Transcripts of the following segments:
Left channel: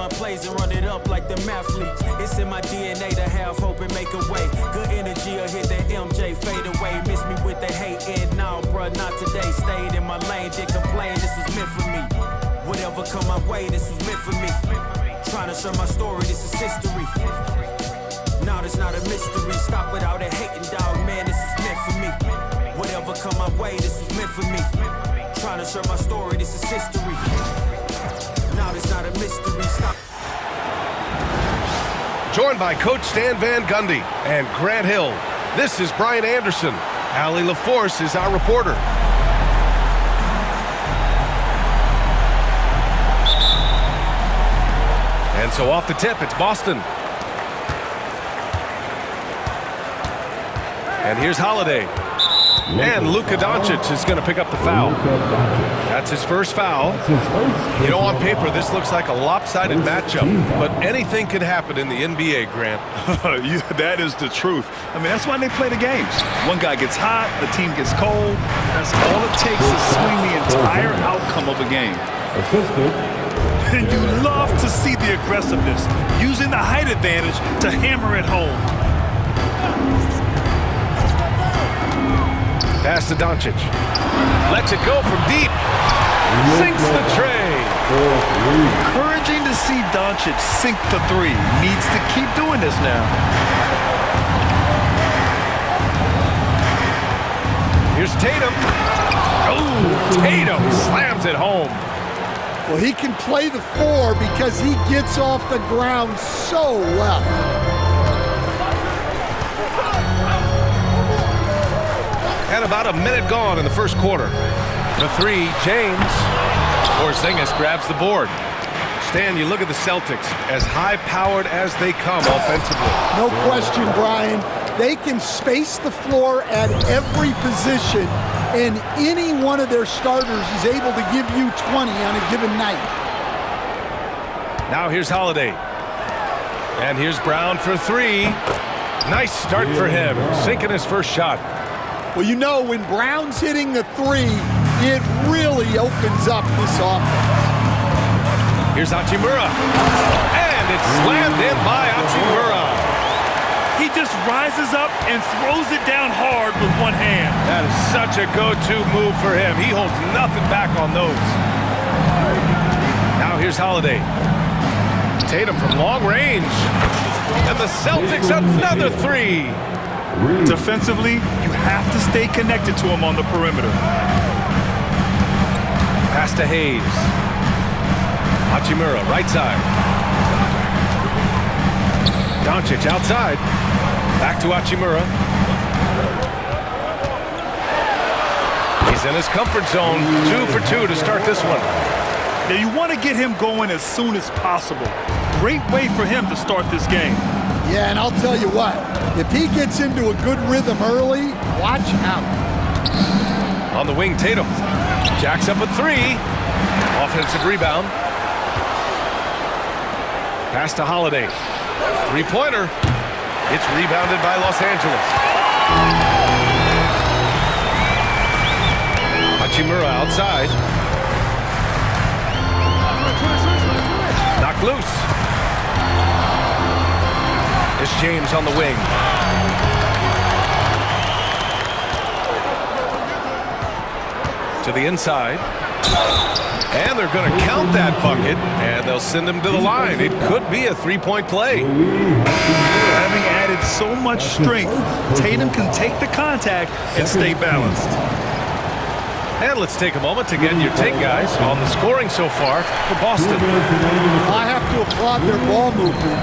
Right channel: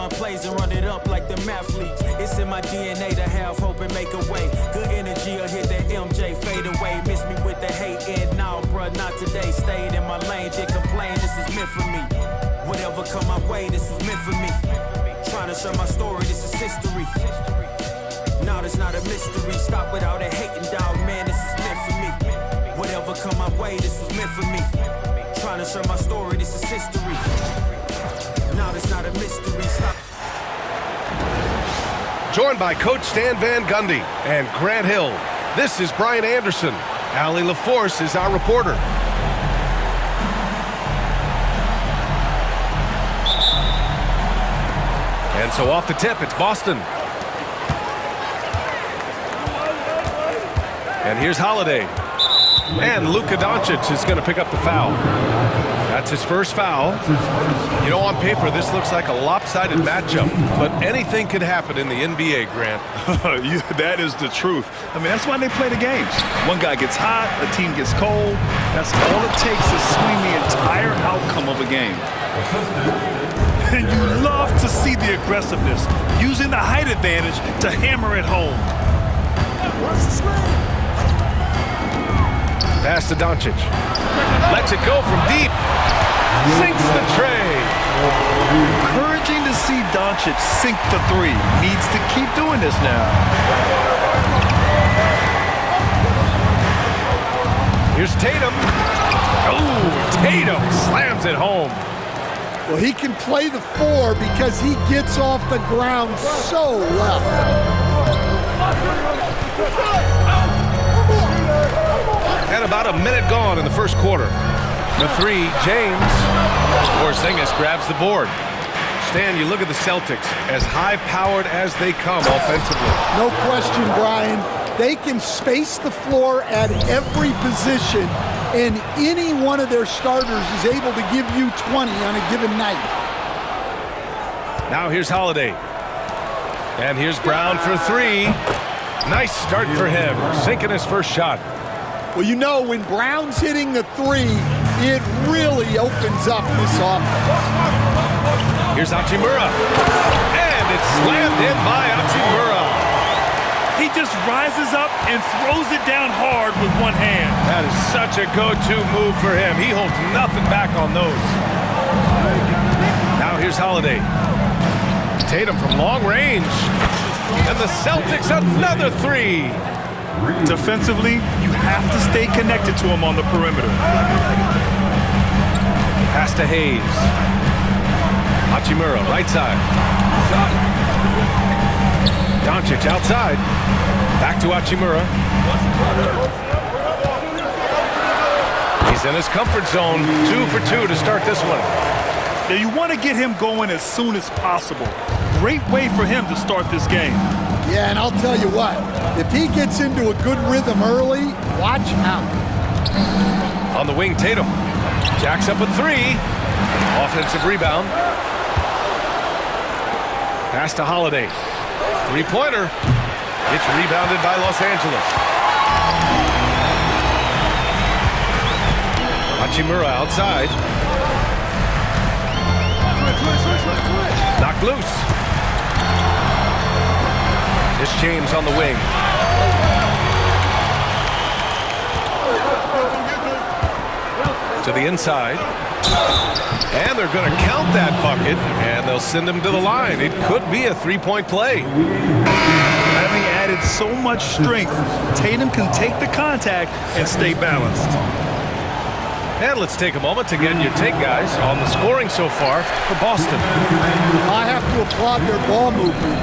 run plays and run it up like the athletes. It's in my DNA to have hope and make a way. Good energy will hit that MJ fade away. Miss me with the hate and now, bruh, not today. Stayed in my lane, did complain, this was meant for me. Whatever come my way, this was meant for me. Trying to share my story, this is history. Now it's not a mystery. Stop without a hating, dog, man, this is meant for me. Whatever come my way, this was meant for me. Trying to share my story, this is history. Now it's not a mystery. Stop. Joined by Coach Stan Van Gundy and Grant Hill, this is Brian Anderson. Allie LaForce is our reporter. And so off the tip, it's Boston. And here's Holiday. And Luka Doncic is going to pick up the foul. That's his first foul. You know, on paper, this looks like a lopsided matchup, but anything could happen in the NBA, Grant. That is the truth. I mean, that's why they play the games. One guy gets hot, a team gets cold. That's all it takes to swing the entire outcome of a game. And you love to see the aggressiveness, using the height advantage to hammer it home. Pass to Doncic. Lets it go from deep. Sinks the tray. Encouraging to see Doncic sink the three. Needs to keep doing this now. Here's Tatum. Oh, Tatum slams it home. Well, he can play the four because he gets off the ground so well. And about a minute gone in the first quarter. The three, James. Porzingis grabs the board. Stan, you look at the Celtics, as high-powered as they come offensively. No question, Brian. They can space the floor at every position, and any one of their starters is able to give you 20 on a given night. Now here's Holiday. And here's Brown for three. Nice start for him, sinking his first shot. Well, you know, when Brown's hitting the three, it really opens up this offense. Here's Hachimura. And it's slammed in by Hachimura. He just rises up and throws it down hard with one hand. That is such a go-to move for him. He holds nothing back on those. Now here's Holiday. Tatum from long range. And the Celtics another three. Defensively, you have to stay connected to him on the perimeter. Pass to Hayes. Hachimura, right side. Doncic outside. Back to Hachimura. He's in his comfort zone. 2 for 2 to start this one. Now you want to get him going as soon as possible. Great way for him to start this game. Yeah, and I'll tell you what, if he gets into a good rhythm early, watch out. On the wing, Tatum. Jacks up a three. Offensive rebound. Pass to Holiday. Three-pointer. It's rebounded by Los Angeles. Hachimura outside. Knocked loose. It's James on the wing. To the inside. And they're going to count that bucket, and they'll send him to the line. It could be a three-point play. Having added so much strength, Tatum can take the contact and stay balanced. And let's take a moment to get your take, guys, on the scoring so far for Boston. I have to applaud their ball movement.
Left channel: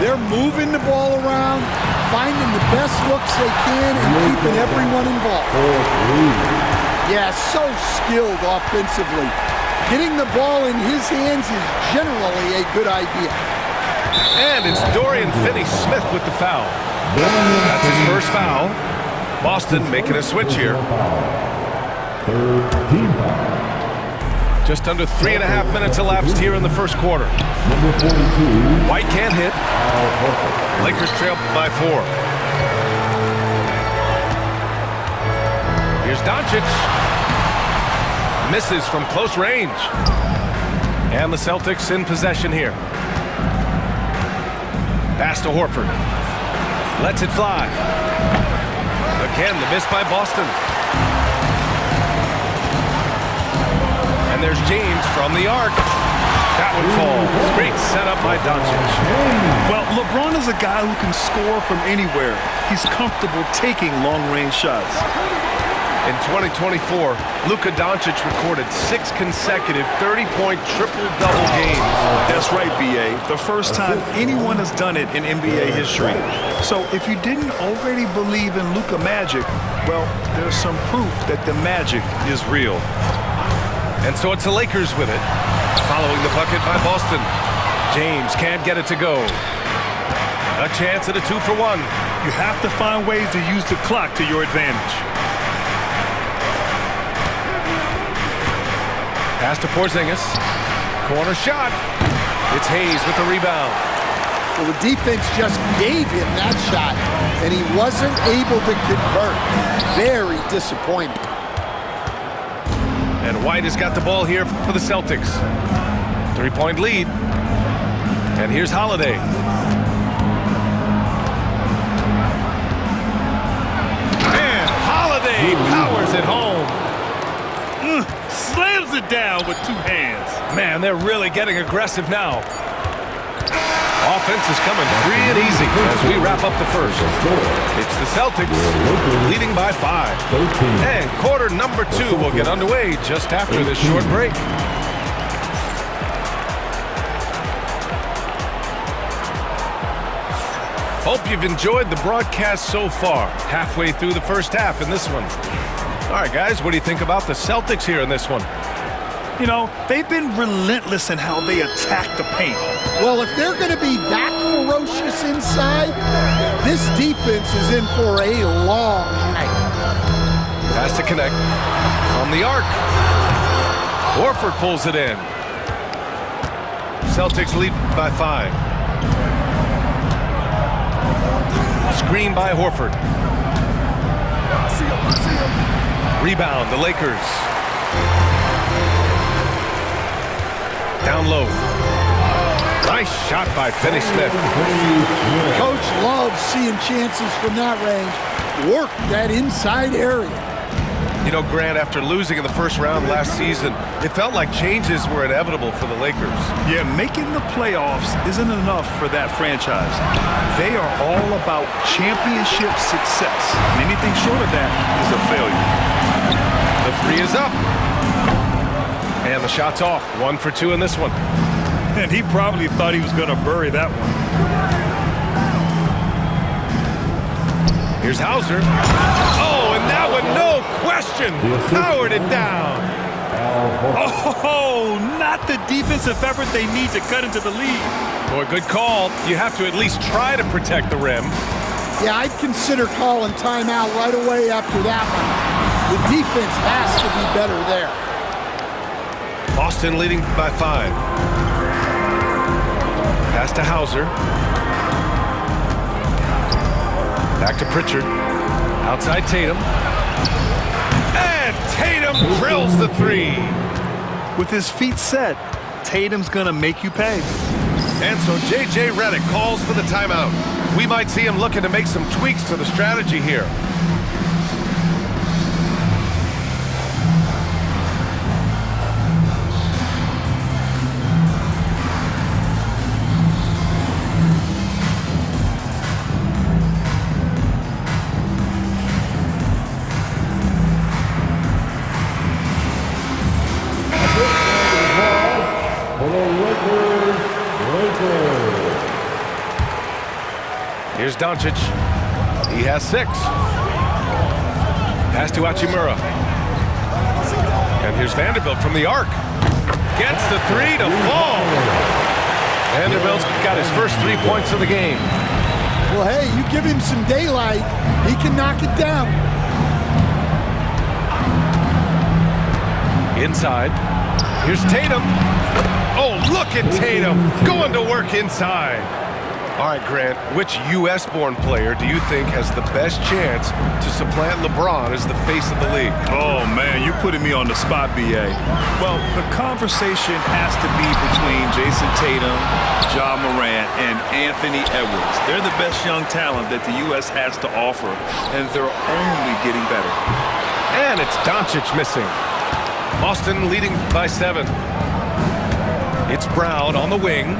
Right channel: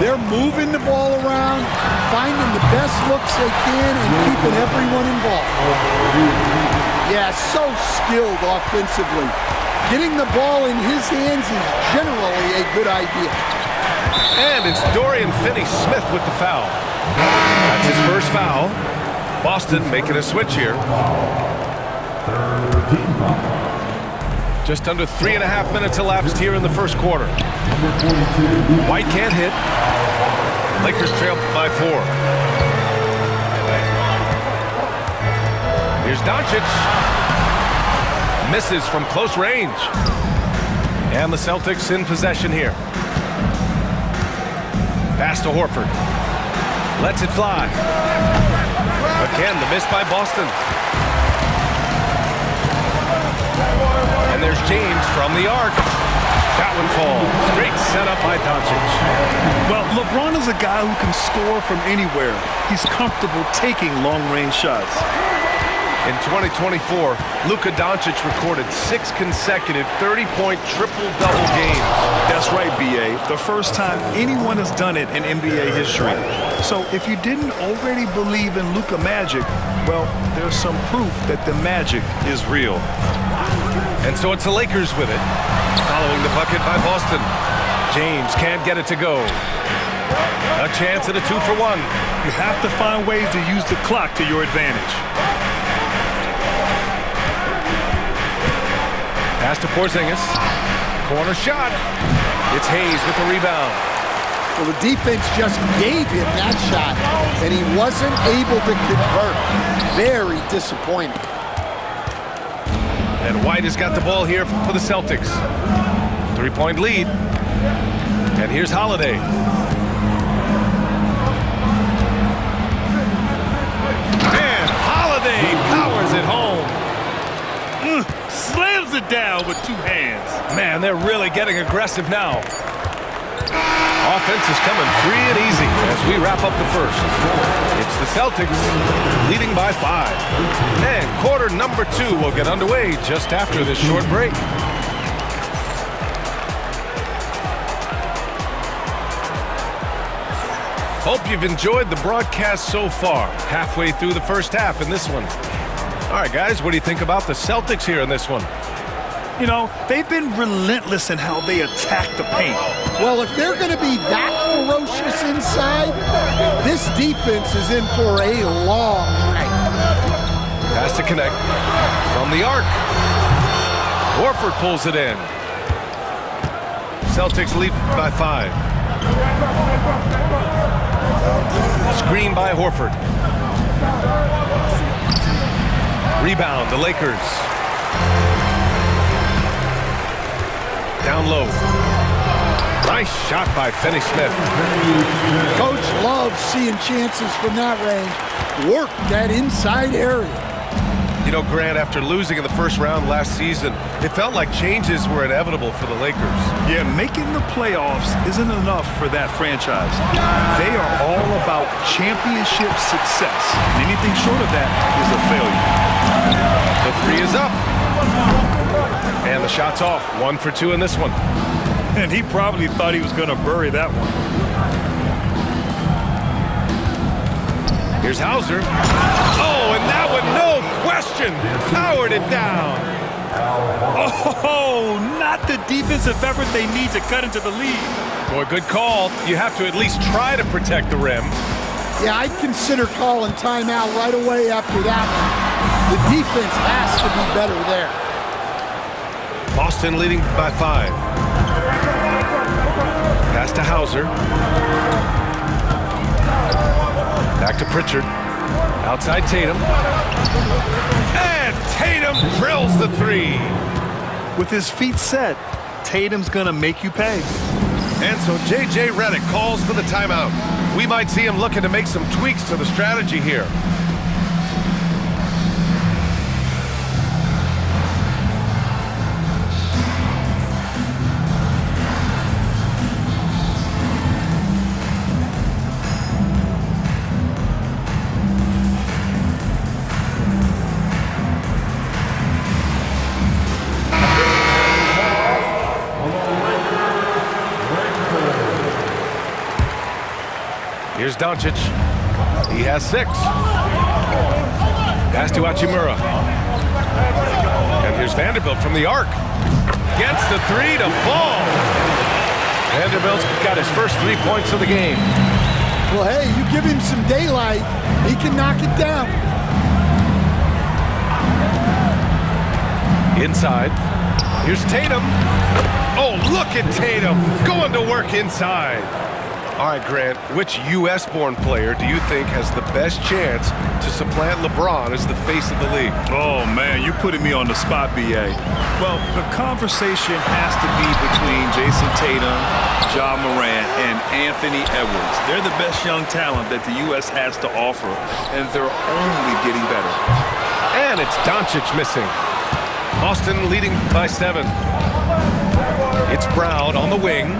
They're moving the ball around, finding the best looks they can, and keeping everyone involved. Yeah, so skilled offensively. Getting the ball in his hands is generally a good idea. And it's Dorian Finney-Smith with the foul. That's his first foul. Boston making a switch here. Just under 3.5 minutes elapsed here in the first quarter. White can't hit. Lakers trail by 4. Here's Doncic. Misses from close range. And the Celtics in possession here. Pass to Horford. Lets it fly. Again, the miss by Boston. And there's James from the arc. That one falls. Great setup by Doncic. Well, LeBron is a guy who can score from anywhere. He's comfortable taking long-range shots. In 2024, Luka Doncic recorded 6 consecutive 30-point triple-double games. That's right, B.A. The first time anyone has done it in NBA history. So if you didn't already believe in Luka magic, well, there's some proof that the magic is real. And so it's the Lakers with it. Following the bucket by Boston. James can't get it to go. A chance at a 2-for-1. You have to find ways to use the clock to your advantage. Pass to Porzingis. Corner shot. It's Hayes with the rebound. Well, the defense just gave him that shot, and he wasn't able to convert. Very disappointing. And White has got the ball here for the Celtics. 3-point lead. And here's Holiday. And Holiday powers it home. Slams it down with 2 hands. Man, they're really getting aggressive now. Offense is coming free and easy as we wrap up the first. It's the Celtics leading by 5. And quarter number 2 will get underway just after this short break. Hope you've enjoyed the broadcast so far. Halfway through the first half in this one. All right, guys, what do you think about the Celtics here in this one? You know, they've been relentless in how they attack the paint. Well, if they're going to be that ferocious inside, this defense is in for a long night. Pass to connect from the arc. Horford pulls it in. Celtics lead by 5. Screen by Horford. Rebound, the Lakers. Down low. Nice shot by Finney-Smith. Coach loves seeing chances from that range. Work that inside area. You know, Grant, after losing in the first round last season, it felt like changes were inevitable for the Lakers. Yeah, making the playoffs isn't enough for that franchise. They are all about championship success. And anything short of that is a failure. The 3 is up. And the shot's off. 1 for 2 in this one. And he probably thought he was going to bury that one. Here's Hauser. Oh, and that one, no question, powered it down. Oh, not the defensive effort they need to cut into the lead. Boy, good call. You have to at least try to protect the rim. Yeah, I'd consider calling timeout right away after that one. The defense has to be better there. Boston leading by 5. Pass to Hauser. Back to Pritchard. Outside Tatum. And Tatum drills the 3. With his feet set, Tatum's going to make you pay. And so J.J. Redick calls for the timeout. We might see him looking to make some tweaks to the strategy here. Here's Doncic. He has 6. Pass to Hachimura. And here's Vanderbilt from the arc. Gets the 3 to fall. Vanderbilt's got his first 3 points of the game. Well, hey, you give him some daylight, he can knock it down. Inside. Here's Tatum. Oh, look at Tatum going to work inside. All right, Grant, which U.S.-born player do you think has the best chance to supplant LeBron as the face of the league? Oh, man, you're putting me on the spot, B.A. Well, the conversation has to be between Jason Tatum, Ja Morant, and Anthony Edwards. They're the best young talent that the U.S. has to offer, and they're only getting better. And it's Doncic missing. Boston leading by 7. It's Brown on the wing.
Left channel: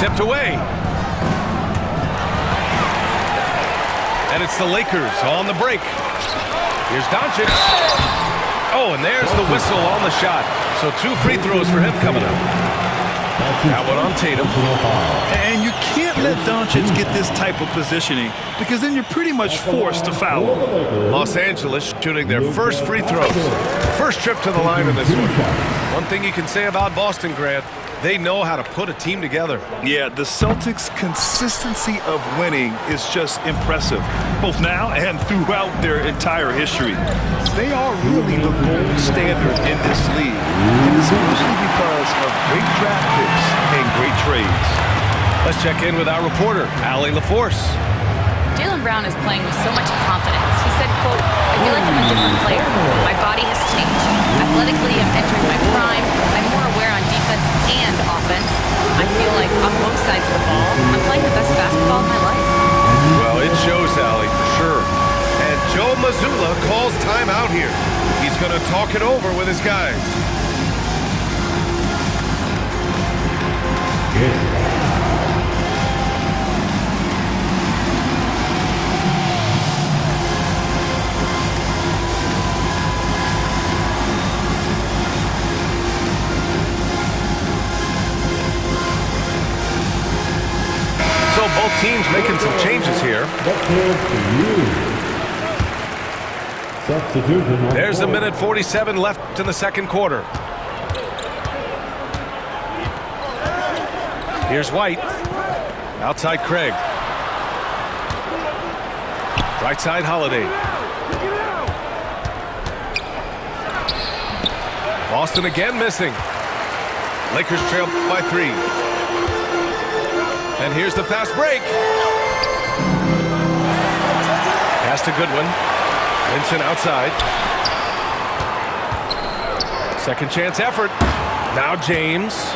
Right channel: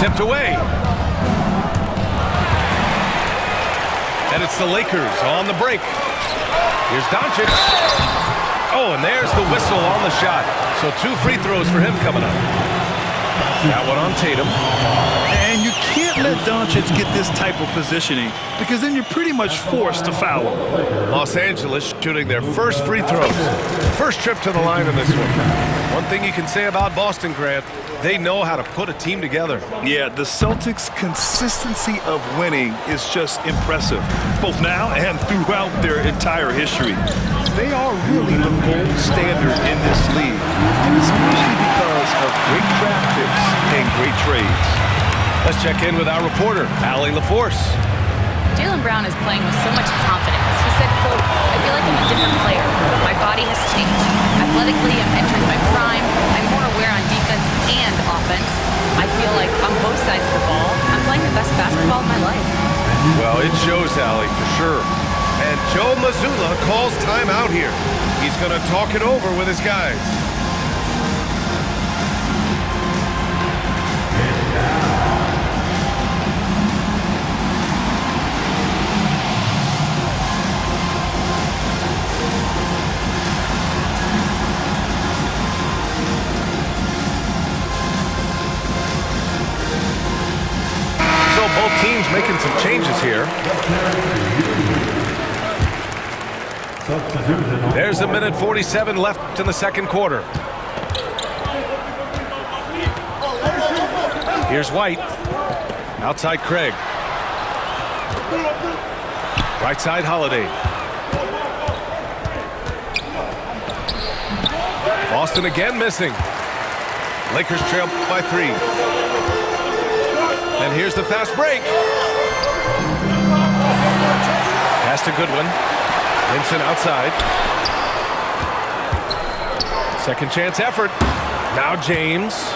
Tipped away. And it's the Lakers on the break. Here's Doncic. Oh, and there's the whistle on the shot. So 2 free throws for him coming up. That one on Tatum. And you can't let Doncic get this type of positioning because then you're pretty much forced to foul him. Los Angeles shooting their first free throws. First trip to the line in this one. One thing you can say about Boston, Grant, they know how to put a team together. Yeah, the Celtics' consistency of winning is just impressive, both now and throughout their entire history. They are really the gold standard in this league, and especially because of great draft picks and great trades. Let's check in with our reporter, Allie LaForce. Jaylen Brown is playing with so much confidence. He said, quote, "I feel like I'm a different player. My body has changed. Athletically, I'm entering my prime. I'm more aware on defense and offense. I feel like on both sides of the ball, I'm playing the best basketball of my life." Well, it shows, Allie, for sure. And Joe Mazzulla calls timeout here. He's going to talk it over with his guys. So both teams making some changes here. There's a minute 47 left in the second quarter. Here's White. Outside Craig. Right side Holiday. Boston again missing. Lakers trail by 3. And here's the fast break. Pass to Goodwin. Vincent outside. Second chance effort. Now James.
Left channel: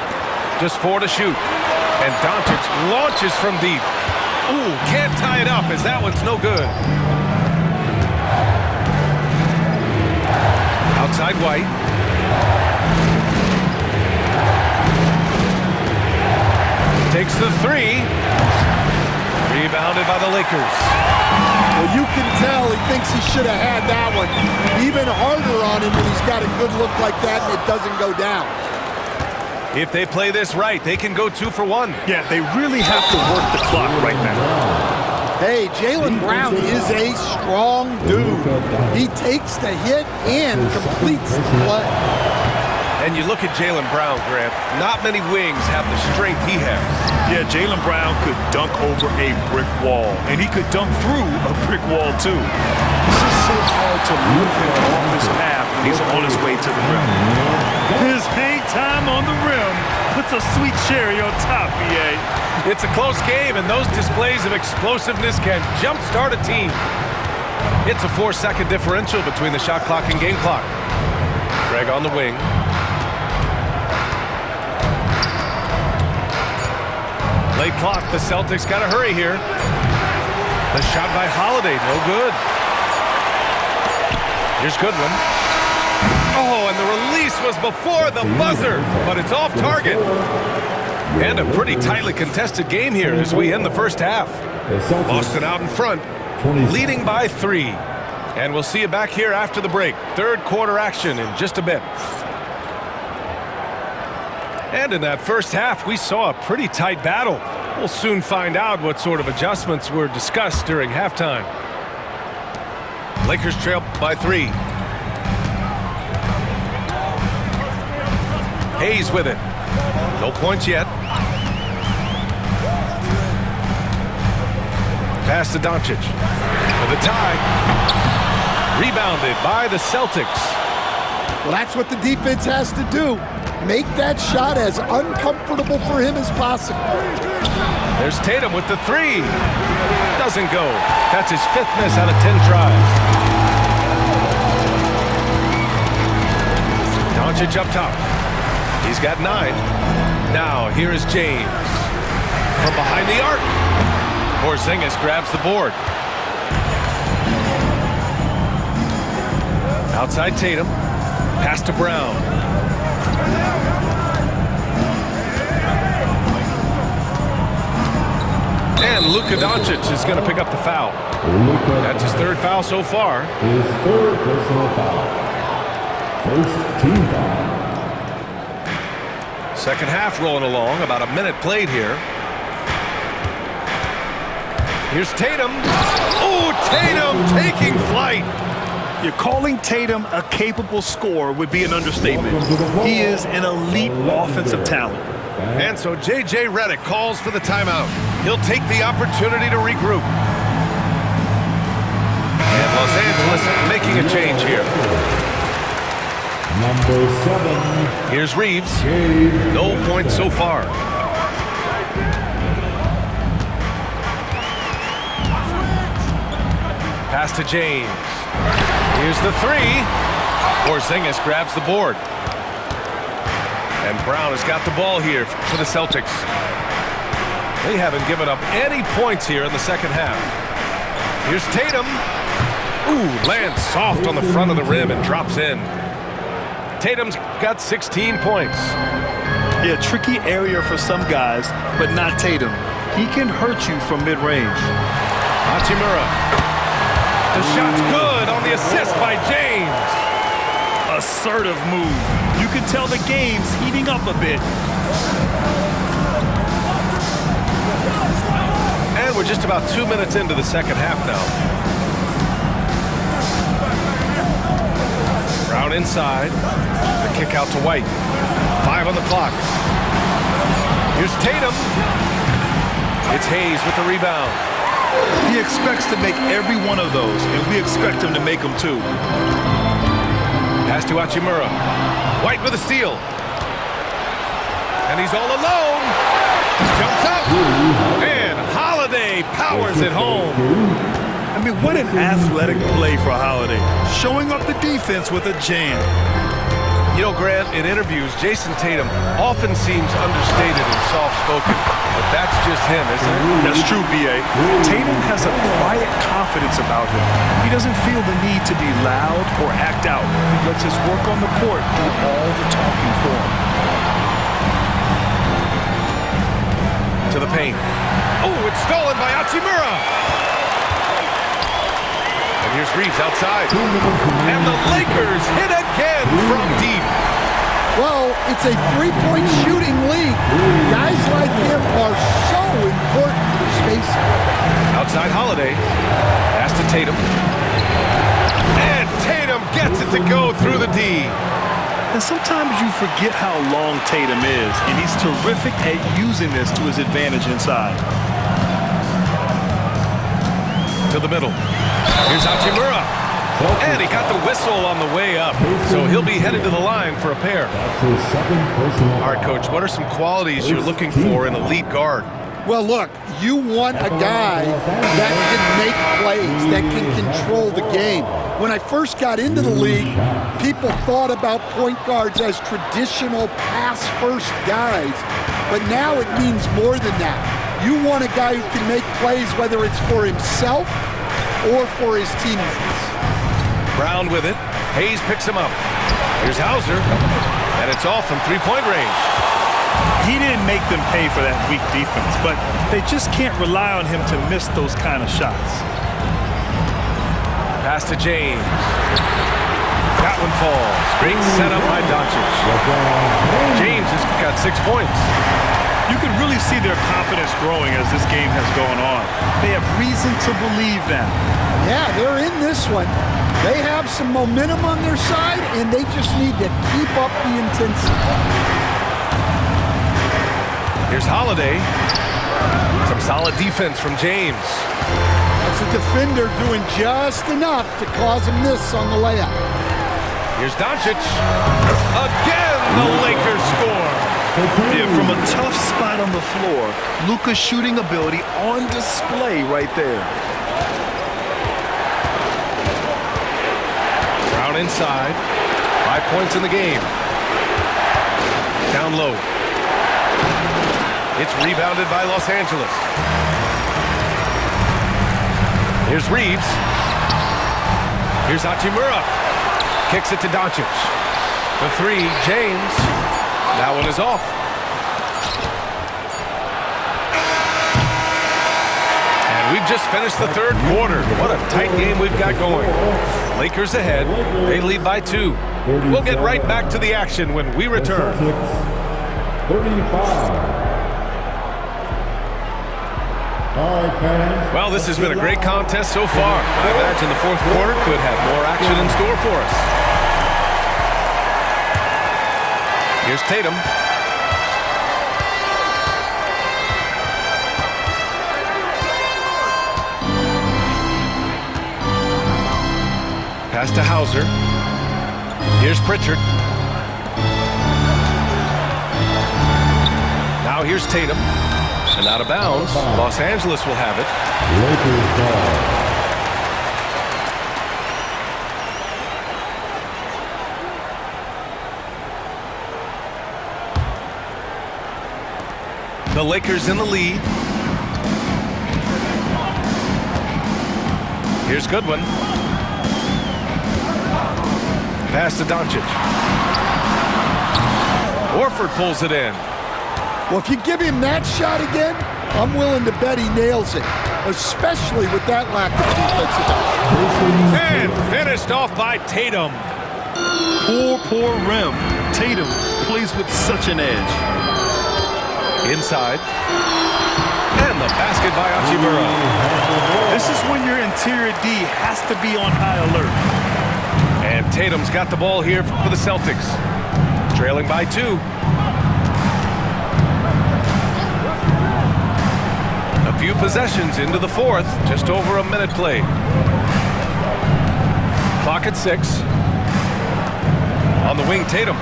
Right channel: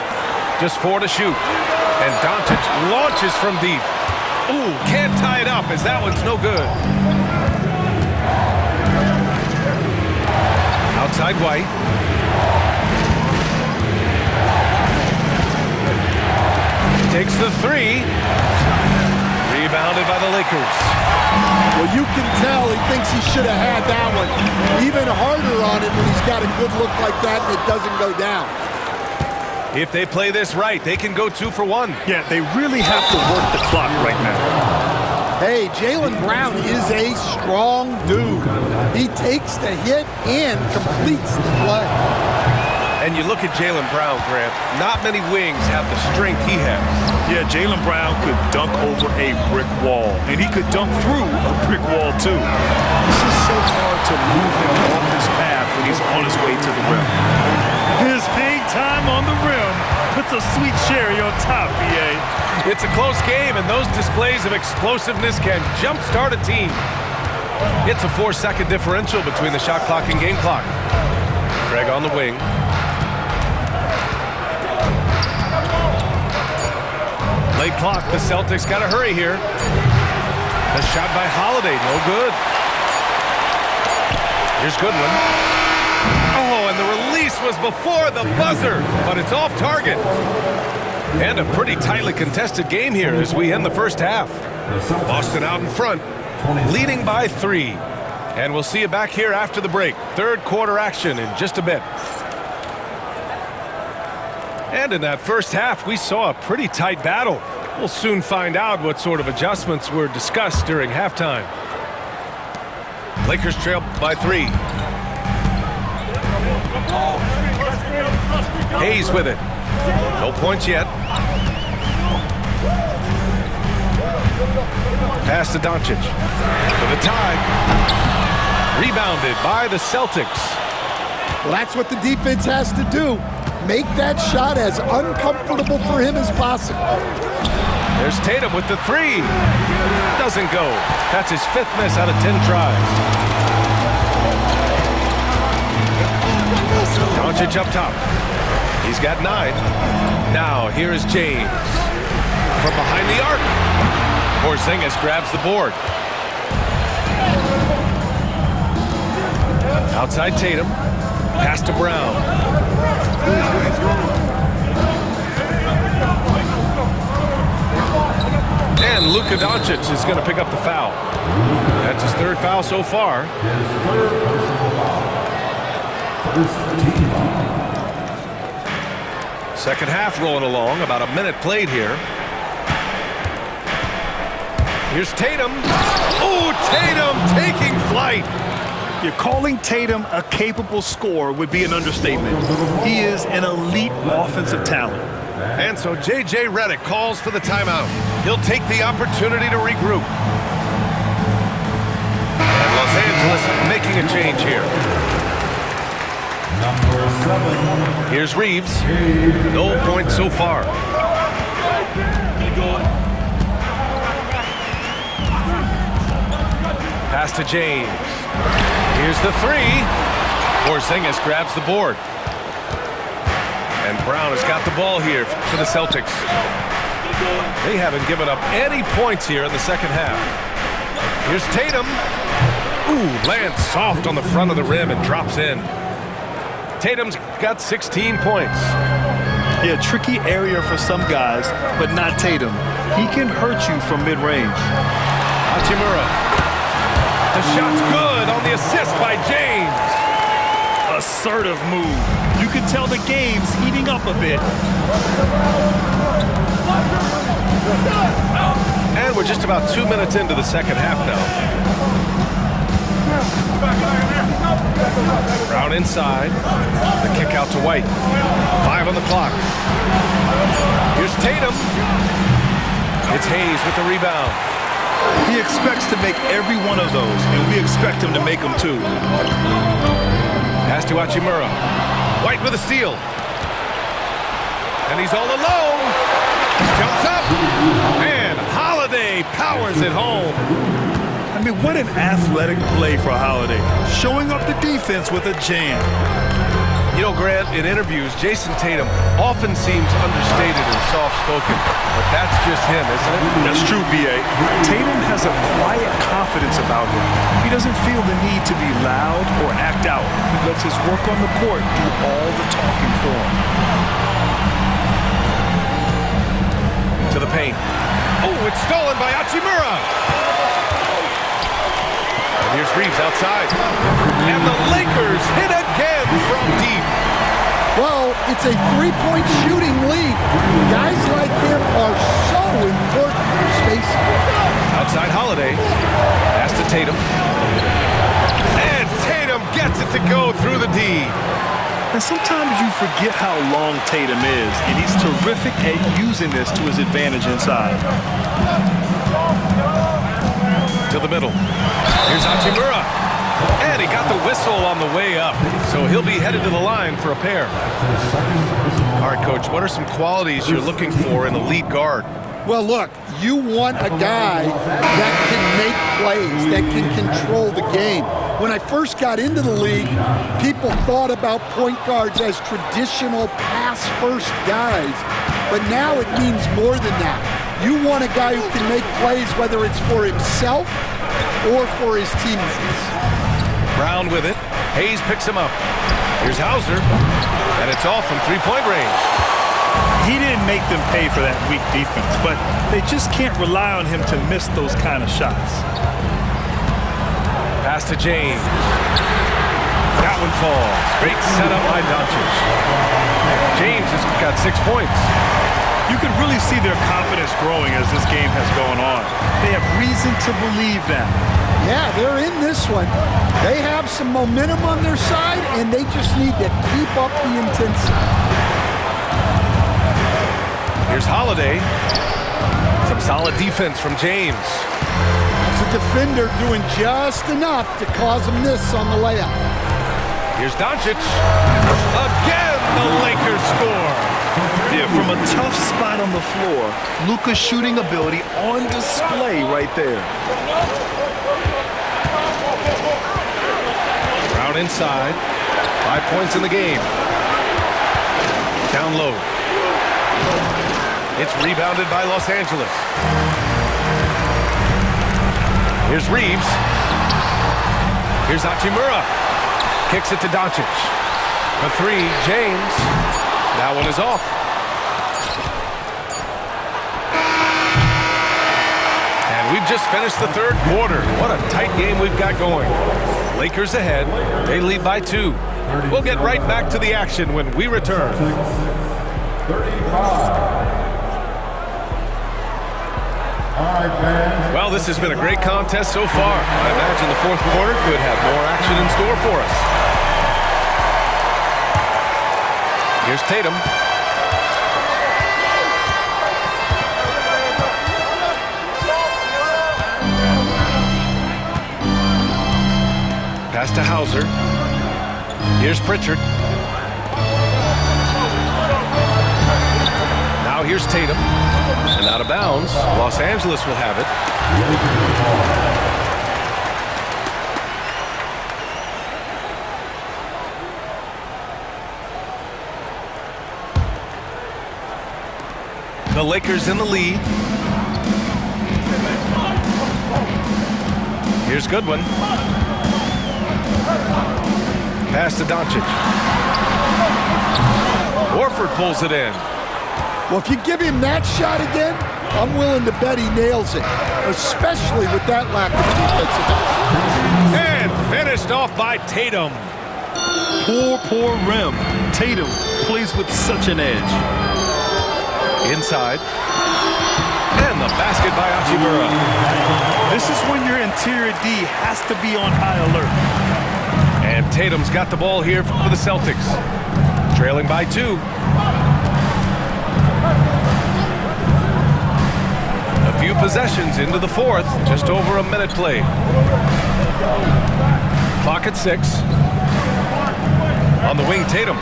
Just 4 to shoot. And Doncic launches from deep. Ooh, can't tie it up as that one's no good. Outside White. Takes the 3. Rebounded by the Lakers. Well, you can tell he thinks he should have had that one. Even harder on him when he's got a good look like that and it doesn't go down. If they play this right, they can go 2 for 1. Yeah, they really have to work the clock right now. Hey, Jaylen Brown is a strong dude. He takes the hit and completes the play. And you look at Jaylen Brown, Grant, not many wings have the strength he has. Yeah, Jaylen Brown could dunk over a brick wall, and he could dunk through a brick wall, too. It's just so hard to move him off his path when he's on his way to the rim. His hang time on the rim puts a sweet cherry on top, B.A. It's a close game, and those displays of explosiveness can jumpstart a team. It's a 4-second differential between the shot clock and game clock. Craig on the wing. Late clock, the Celtics got to hurry here. The shot by Holiday, no good. Here's Goodwin. Oh, and the release was before the buzzer, but it's off target. And a pretty tightly contested game here as we end the first half. Boston out in front, leading by 3. And we'll see you back here after the break. Third quarter action in just a bit. And in that first half, we saw a pretty tight battle. We'll soon find out what sort of adjustments were discussed during halftime. Lakers trail by 3. Hayes with it. No points yet. Pass to Doncic for the tie. Rebounded by the Celtics. Well, that's what the defense has to do. Make that shot as uncomfortable for him as possible. There's Tatum with the three. Doesn't go. That's his 5th miss out of 10 tries. Doncic up top. He's got 9. Now here is James. From behind the arc. Porzingis grabs the board. Outside Tatum. Pass to Brown. And Luka Doncic is going to pick up the foul. That's his 3rd foul so far. His 3rd personal foul. 1st team foul. Second half rolling along. About a minute played here. Here's Tatum. Oh, Tatum taking flight. You're calling Tatum a capable scorer would be an understatement. He is an elite offensive talent. And so J.J. Redick calls for the timeout. He'll take the opportunity to regroup. And Los Angeles making a change here. Number 7. Here's Reeves. No points so far. Pass to James. Here's the three. Porzingis grabs the board. And Brown has got the ball here for the Celtics. They haven't given up any points here in the second half. Here's Tatum. Ooh, lands soft on the front of the rim and drops in. Tatum's got 16 points. Yeah, tricky area for some guys, but not Tatum. He can hurt you from mid-range. Hachimura. The shot's good on the assist by James. Assertive move. You can tell the game's heating up a bit. And we're just about 2 minutes into the second half now. Brown inside. The kick out to White. 5 on the clock. Here's Tatum. It's Hayes with the rebound. He expects to make every one of those, and we expect him to make them too. Pass to Hachimura. White with a steal. And he's all alone. Jumps up. And Holiday powers it home. I mean, what an athletic play for Holiday. Showing up the defense with a jam. You know, Grant, in interviews, Jason Tatum often seems understated and soft-spoken, but that's just him, isn't it? That's true, B.A. Tatum has a quiet confidence about him. He doesn't feel the need to be loud or act out. He lets his work on the court do all the talking for him. To the paint. Oh, it's stolen by Hachimura. And here's Reeves outside. And the Lakers hit again from deep. Well, it's a three-point shooting league. Guys like him are so important for spacing. Outside Holiday. Pass to Tatum. And Tatum gets it to go through the D. And sometimes you forget how long Tatum is, and he's terrific at using this to his advantage inside. To the middle. Here's Hachimura. And he got the whistle on the way up. So he'll be headed to the line for a pair. All right, Coach, what are some qualities you're looking for in a lead guard? Well, look, you want a guy that can make plays, that can control the game. When I first got into the league, people thought about point guards as traditional pass-first guys. But now it means more than that. You want a guy who can make plays, whether it's for himself or for his teammates. Brown with it. Hayes picks him up. Here's Hauser. And it's off from three-point range. He didn't make them pay for that weak defense, but they just can't rely on him to miss those kind of shots. Pass to James. That one falls. Great setup by Doncic. James has got 6 points. You can really see their confidence growing as this game has gone on. They have reason to believe now. Yeah, they're in this one. They have some momentum on their side, and they just need to keep up the intensity. Here's Holiday. Some solid defense from James. That's a defender doing just enough to cause a miss on the layup. Here's Doncic. Again, the Lakers score. Yeah, from a tough spot on the floor, Luka's shooting ability on display right there. Brown inside. 5 points in the game. Down low. It's rebounded by Los Angeles. Here's Reeves. Here's Hachimura. Kicks it to Doncic. For three, James. That one is off. And we've just finished the third quarter. What a tight game we've got going. Lakers ahead. They lead by 2. We'll get right back to the action when we return. 35. All right, fans. Well, this has been a great contest so far. I imagine the fourth quarter could have more action in store for us. Here's Tatum. Pass to Hauser. Here's Pritchard. Now here's Tatum. And out of bounds. Los Angeles will have it. Lakers ball. The Lakers in the lead. Here's Goodwin. Pass to Doncic. Horford pulls it in. Well, if you give him that shot again, I'm willing to bet he nails it, especially with that lack of defensive effort. And finished off by Tatum. Poor rim. Tatum plays with such an edge. Inside. And the basket by Hachimura. This is when your interior D has to be on high alert. And Tatum's got the ball here for the Celtics. Trailing by 2. A few possessions into the fourth. Just over a minute played. Clock at 6. On the wing, Tatum.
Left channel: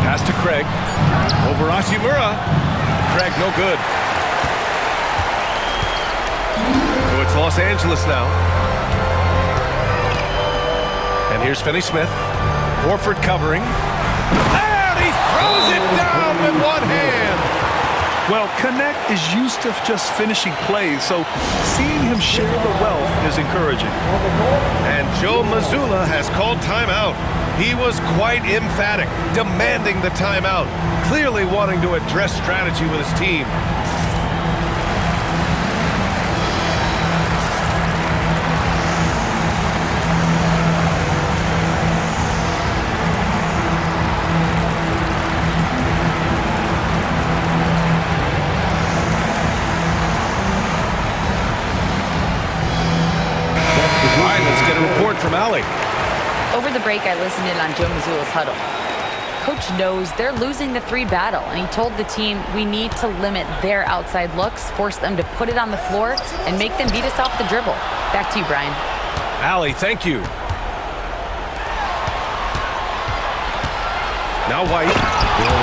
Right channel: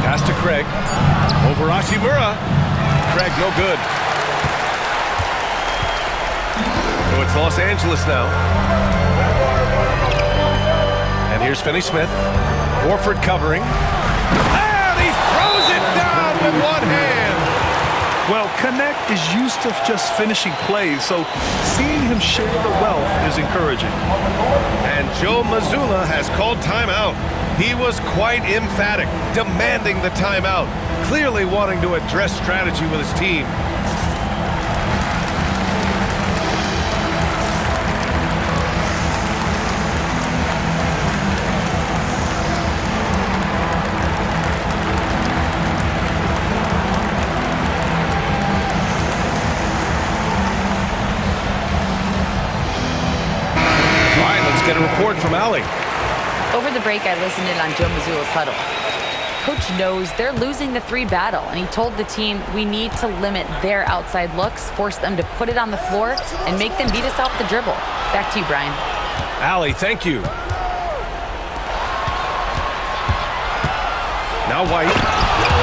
Pass to Craig. Over Hachimura. Craig, no good. So it's Los Angeles now. And here's Finney-Smith. Horford covering. And he throws it down with one hand. Well, Connect is used to just finishing plays, so seeing him share the wealth is encouraging. And Joe Mazzulla has called timeout. He was quite emphatic, demanding the timeout, clearly wanting to address strategy with his team. Get a report from Allie. Over the break, I listened in on Joe Mazzulla's huddle. Coach knows they're losing the 3 battle, and he told the team we need to limit their outside looks, force them to put it on the floor, and make them beat us off the dribble. Back to you, Brian. Allie, thank you. Now White.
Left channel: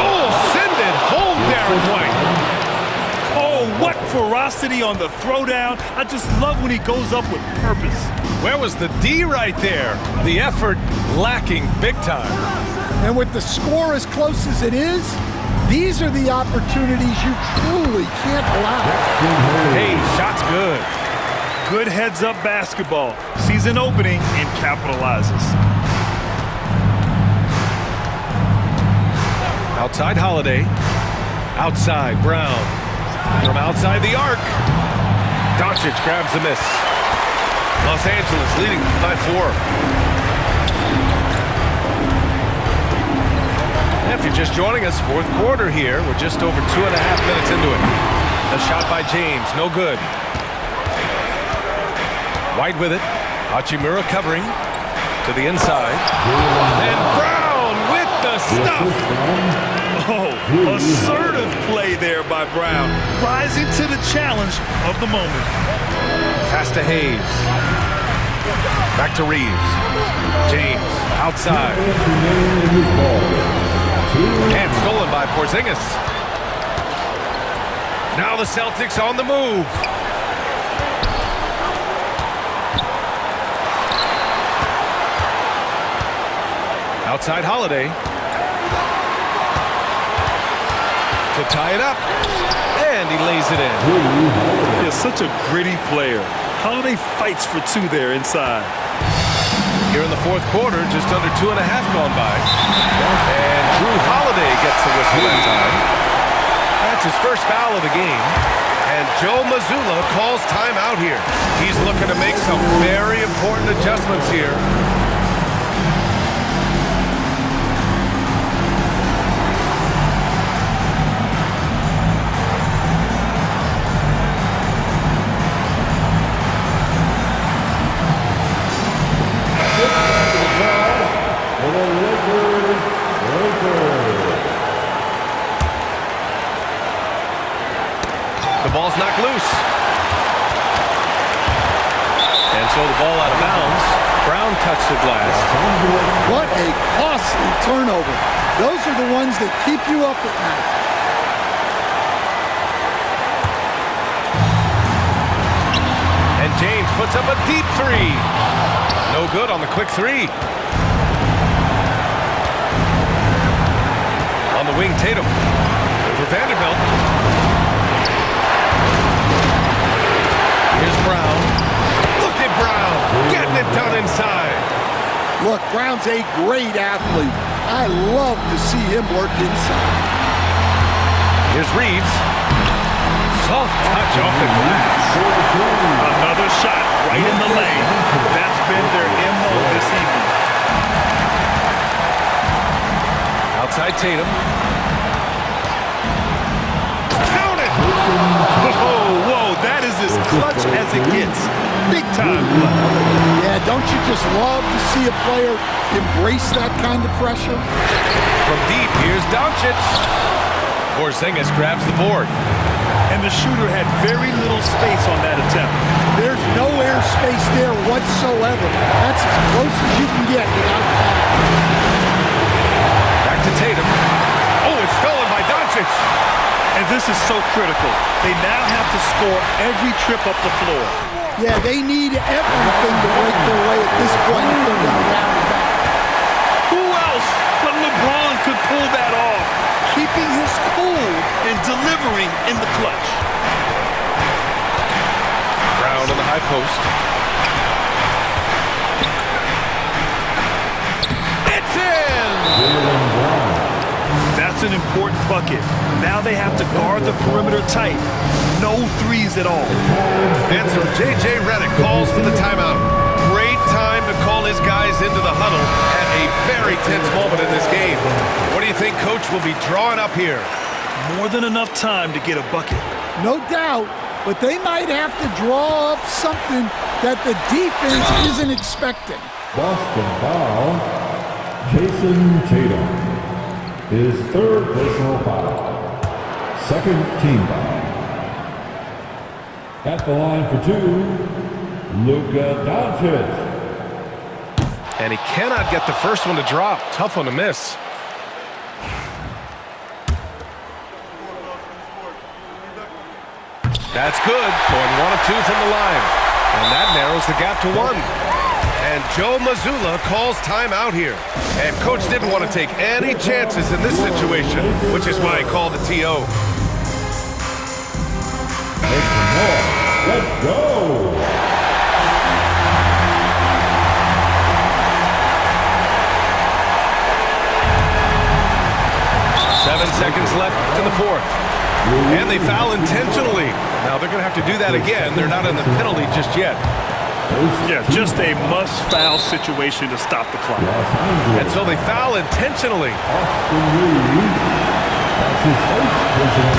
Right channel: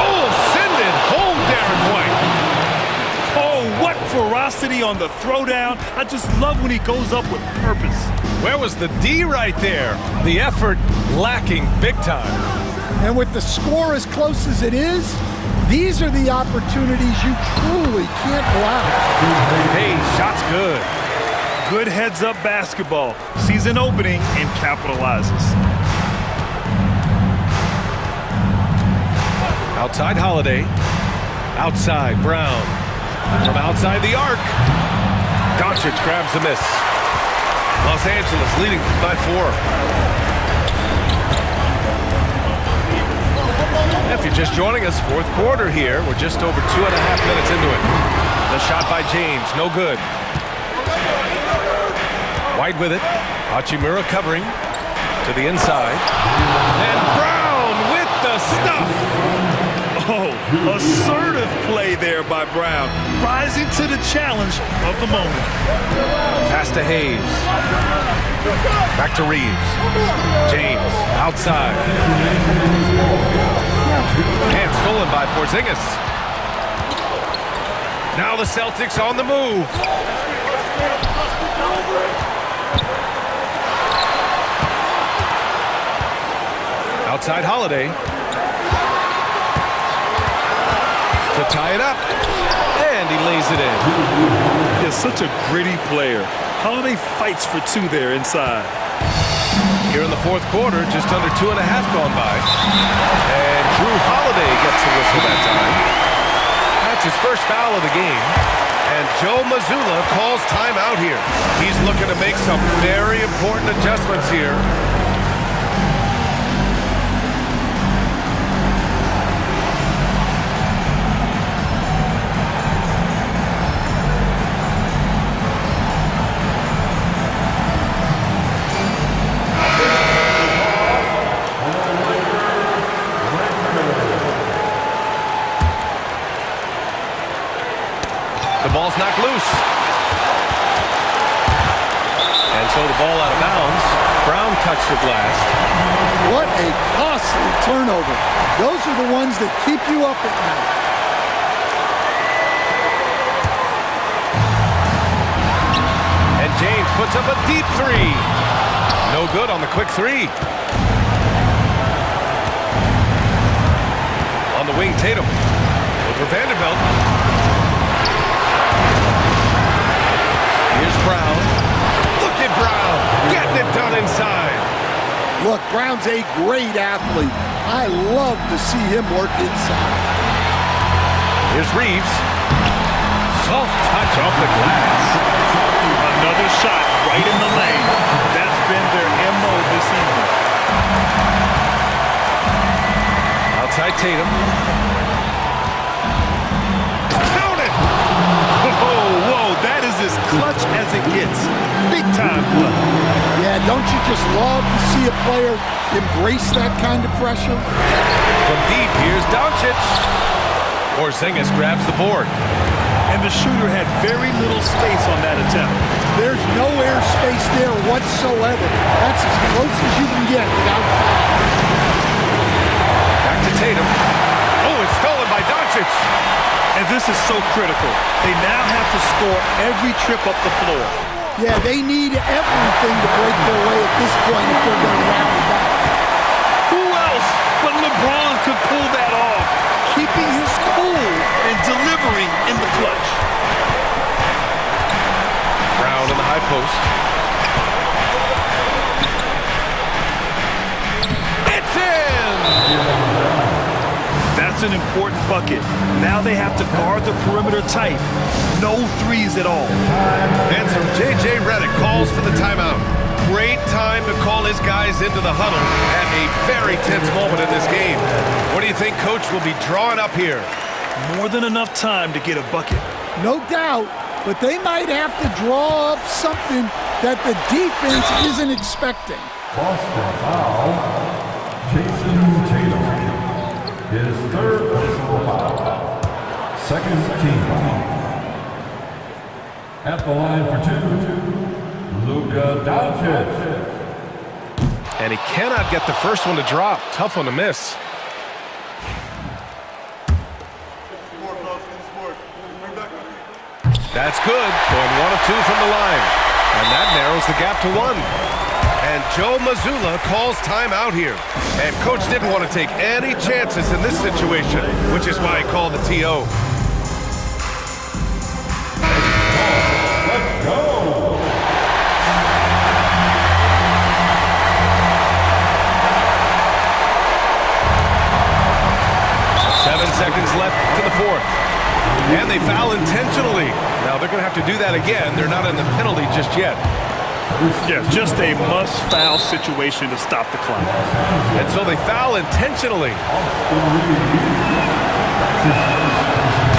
Oh, send it home, Darren White. Oh, what ferocity on the throwdown. I just love when he goes up with purpose. Where was the D right there? The effort lacking big time. And with the score as close as it is, these are the opportunities you truly can't allow. Hey, shot's good. Good heads-up basketball. Sees an opening and capitalizes. Outside Holiday. Outside Brown. From outside the arc. Doncic grabs a miss. Los Angeles leading by 4. If you're just joining us, fourth quarter here. We're just over 2.5 minutes into it. The shot by James, no good. White with it. Hachimura covering to the inside. And Brown with the stuff. Oh, assertive play there by Brown, rising to the challenge of the moment. Pass to Hayes. Back to Reeves. James, outside. And stolen by Porzingis. Now the Celtics on the move. Outside Holiday. To tie it up. And he lays it in. He's such a gritty player. Holiday fights for two there inside. Here in the fourth quarter, just under 2.5 gone by. And Drew Holiday gets the whistle that time. That's his first foul of the game. And Joe Mazzulla calls timeout here. He's looking to make some very important adjustments here. The ball's knocked loose. And so the ball out of bounds. Brown touched it last. What a costly turnover. Those are the ones that keep you up at night. And James puts up a deep three. No good on the quick three. On the wing, Tatum. Over Vanderbilt. Here's Brown. Look at Brown getting it done inside. Look, Brown's a great athlete. I love to see him work inside. Here's Reeves. Soft touch off the glass. Another shot right in the lane. That's been their MO this evening. Outside Tatum. Count it! Whoa, that is as clutch as it gets. Big time play. Yeah, don't you just love to see a player embrace that kind of pressure? From deep, here's Doncic. Porzingis grabs the board. And the shooter had very little space on that attempt. There's no air space there whatsoever. That's as close as you can get without foul. Back to Tatum. Oh, it's stolen by Doncic. And this is so critical. They now have to score every trip up the floor. Yeah, they need everything to break their way at this point if they're going to rally back. Who else but LeBron could pull that off, keeping his cool and delivering in the clutch? Brown in the high post. It's in! That's an important bucket. Now they have to guard the perimeter tight. No threes at all. And so J.J. Redick calls for the timeout. Great time to call his guys into the huddle at a very tense moment in this game. What do you think Coach will be drawing up here? More than enough time to get a bucket. No doubt, but they might have to draw up something that the defense isn't expecting. Boston foul. Jason Tatum. His third personal foul. Second team foul. At the line for two, Luka Doncic. And he cannot get the first one to drop. Tough one to miss. That's good. Going 1 of 2 from the line. And that narrows the gap to 1. And Joe Mazzulla calls timeout here. And Coach didn't want to take any chances in this situation, which is why he called the TO. Let's go! 7 seconds left in the fourth. And they foul intentionally. Now they're going to have to do that again. They're not in the penalty just yet. Yeah, just a must-foul situation to stop the clock. And so they foul intentionally.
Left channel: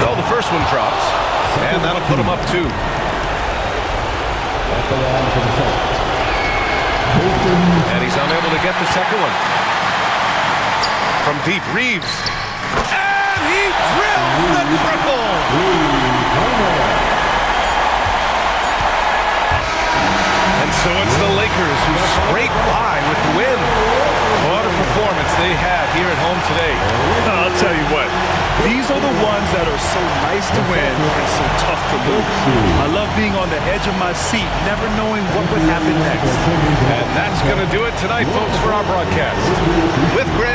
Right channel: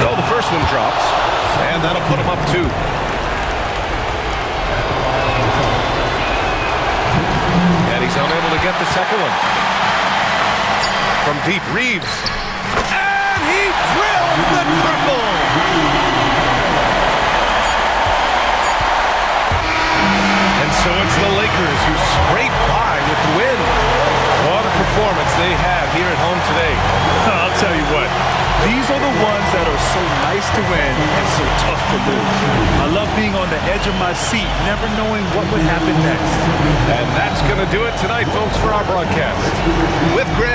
So the first one drops, and that'll put them up 2. And he's unable to get the second one. From deep, Reeves. And he drills the triple! And so it's the Lakers who scrape by with the win. What a performance they had here at home today. I'll tell you what, these are the ones that are so nice to win and so tough to lose. I love being on the edge of my seat, never knowing what would happen next. And that's going to do it tonight, folks, for our broadcast. With Grant